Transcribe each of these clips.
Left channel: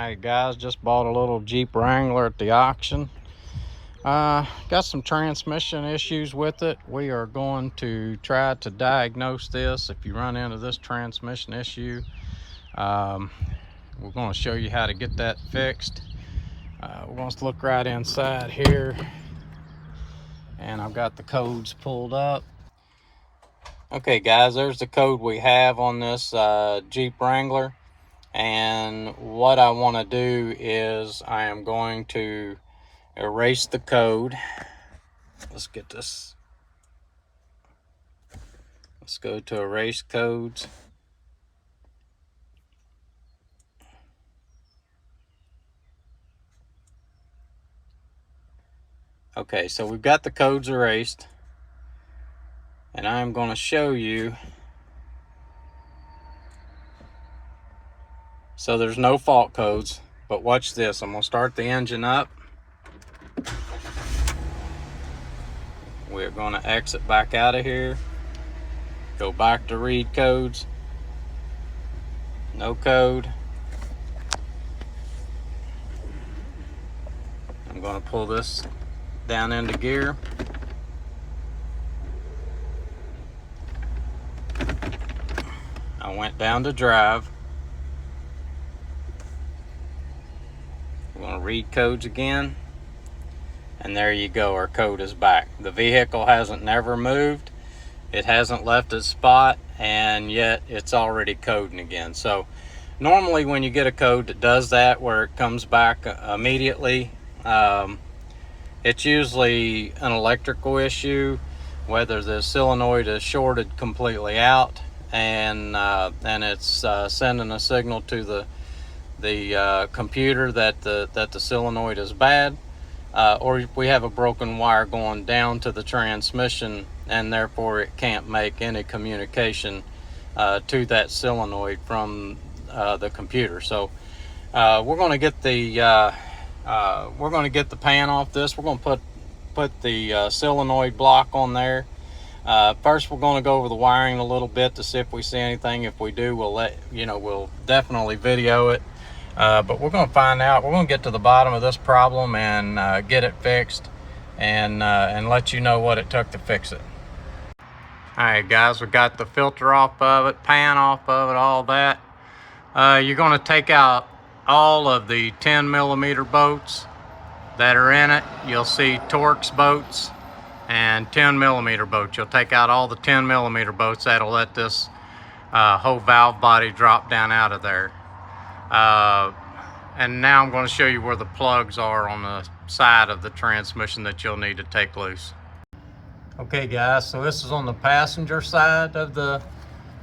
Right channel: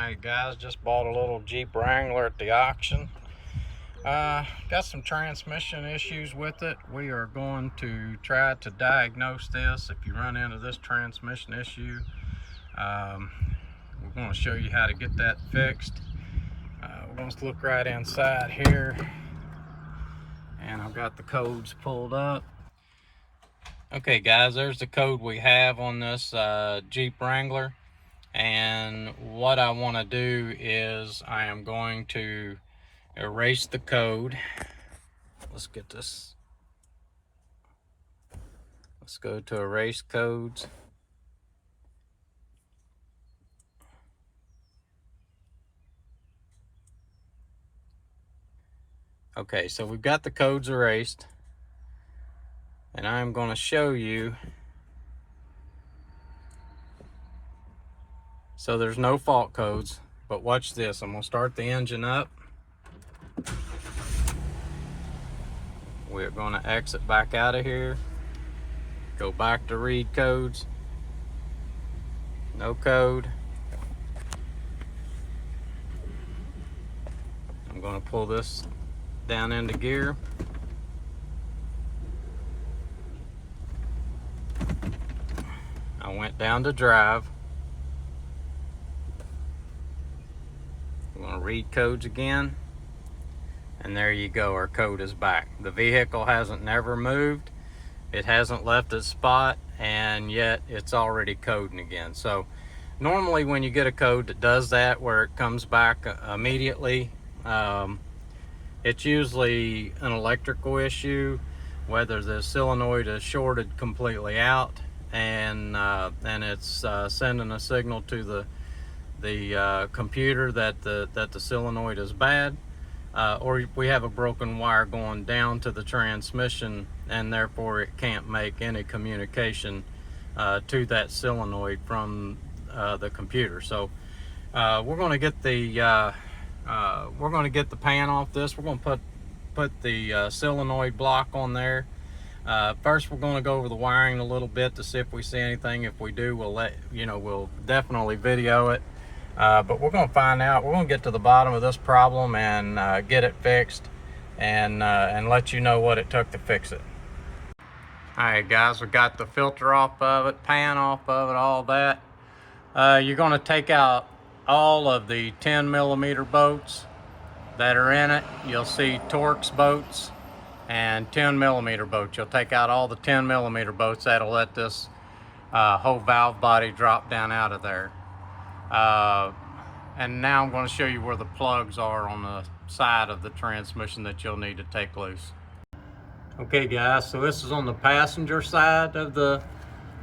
Alright guys, just bought a little Jeep Wrangler at the auction. Got some transmission issues with it. We are going to try to diagnose this. If you run into this transmission issue, we're going to show you how to get that fixed. We're going to look right inside here, and I've got the codes pulled up. Okay guys, there's the code we have on this Jeep Wrangler. And what I want to do is I am going to erase the code. Let's get this. Let's go to erase codes. Okay, so we've got the codes erased, and I'm going to show you. So there's no fault codes, but watch this. I'm going to start the engine up. We're going to exit back out of here. Go back to read codes. No code. I'm going to pull this down into gear. I went down to drive. We're going to read codes again, and there you go, our code is back. The vehicle hasn't never moved, it hasn't left its spot, and yet it's already coding again. So normally when you get a code that does that, where it comes back immediately, it's usually an electrical issue, whether the solenoid is shorted completely out and it's sending a signal to the computer that the solenoid is bad, or we have a broken wire going down to the transmission, and therefore it can't make any communication to that solenoid from the computer. So we're going to get the pan off this. We're going to put the solenoid block on there. First, we're going to go over the wiring a little bit to see if we see anything. If we do, we'll definitely video it. But we're going to find out. We're going to get to the bottom of this problem and get it fixed, and let you know what it took to fix it. All right, guys, we got the filter off of it, pan off of it, all that. You're going to take out all of the 10mm bolts that are in it. You'll see Torx bolts and 10mm bolts. You'll take out all the 10mm bolts. That'll let this whole valve body drop down out of there. And now I'm going to show you where the plugs are on the side of the transmission that you'll need to take loose. Okay guys, so this is on the passenger side of the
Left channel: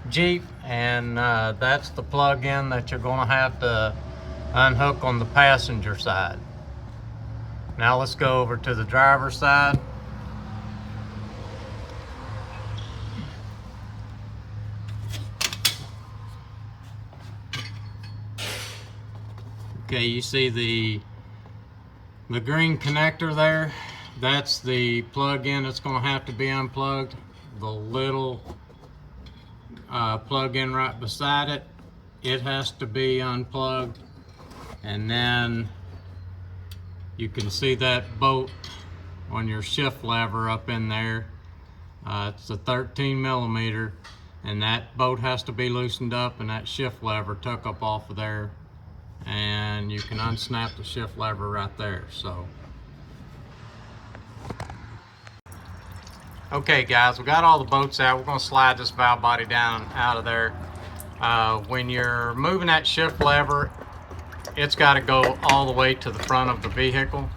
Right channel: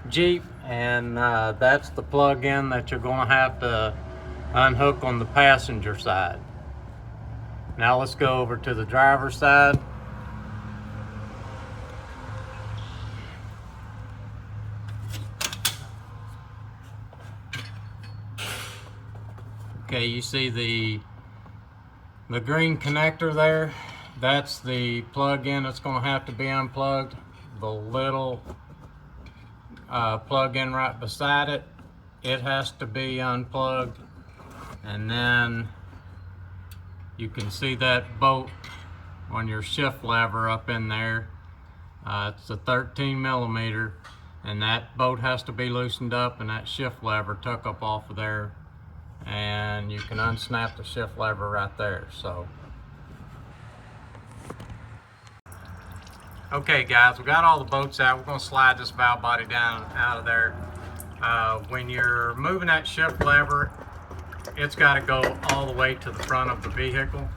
Jeep, and that's the plug-in that you're going to have to unhook on the passenger side. Now let's go over to the driver's side. Okay, you see the green connector there? That's the plug-in that's going to have to be unplugged. The little plug-in right beside it, it has to be unplugged. And then you can see that bolt on your shift lever up in there. It's a 13mm, and that bolt has to be loosened up, and that shift lever took up off of there. And you can unsnap the shift lever right there. So okay guys, we got all the bolts out. We're going to slide this valve body down out of there. When you're moving that shift lever, it's got to go all the way to the front of the vehicle.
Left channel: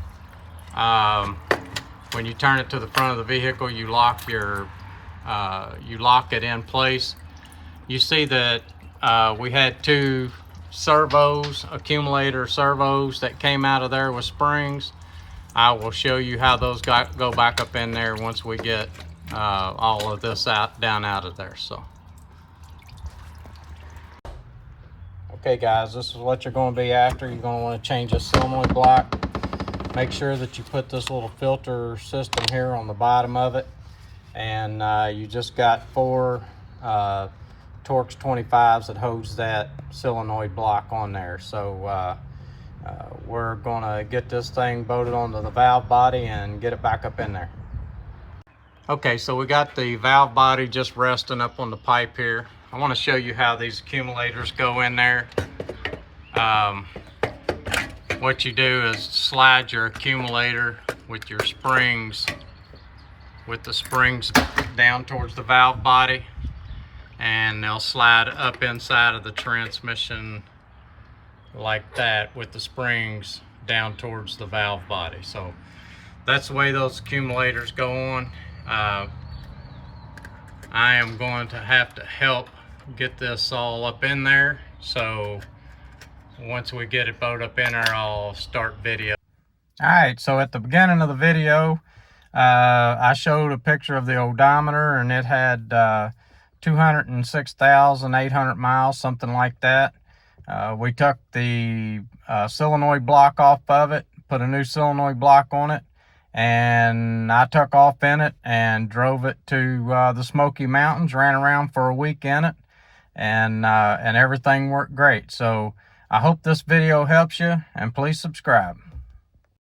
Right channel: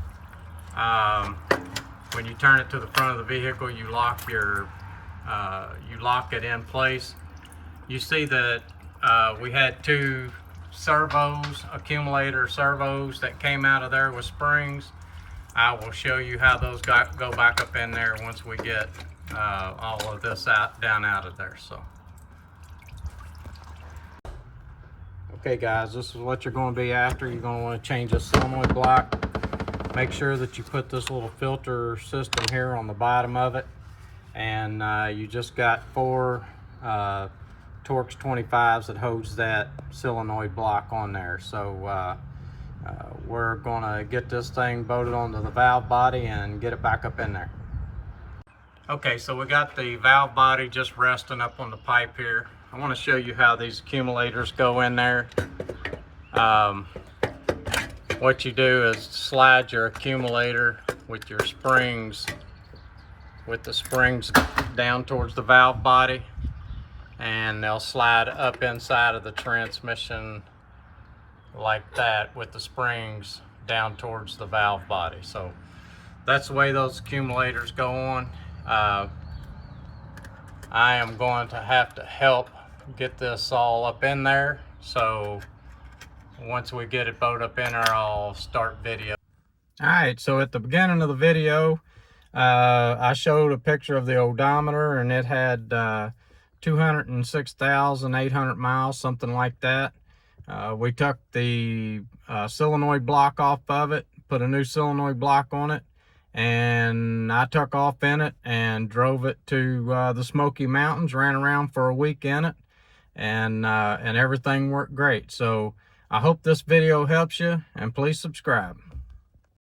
When you turn it to the front of the vehicle, you lock it in place. You see that we had two servos, accumulator servos, that came out of there with springs. I will show you how those go back up in there once we get all of this down out of there. So okay guys, this is what you're going to be after. You're going to want to change the solenoid block. Make sure that you put this little filter system here on the bottom of it, and you just got 4 Torx 25s that holds that solenoid block on there. So we're gonna get this thing bolted onto the valve body and get it back up in there. Okay, so we got the valve body just resting up on the pipe here. I want to show you how these accumulators go in there. What you do is slide your accumulator with your springs, with the springs down towards the valve body, and they'll slide up inside of the transmission like that with the springs down towards the valve body. So that's the way those accumulators go on. I am going to have to help get this all up in there, so once we get it bolted up in there, I'll start video. All right, so at the beginning of the video, I showed a picture of the odometer, and it had 206,800 miles, something like that. We took the solenoid block off of it, put a new solenoid block on it, and I took off in it and drove it to the Smoky Mountains, ran around for a week in it, and everything worked great. So I hope this video helps you, and please subscribe.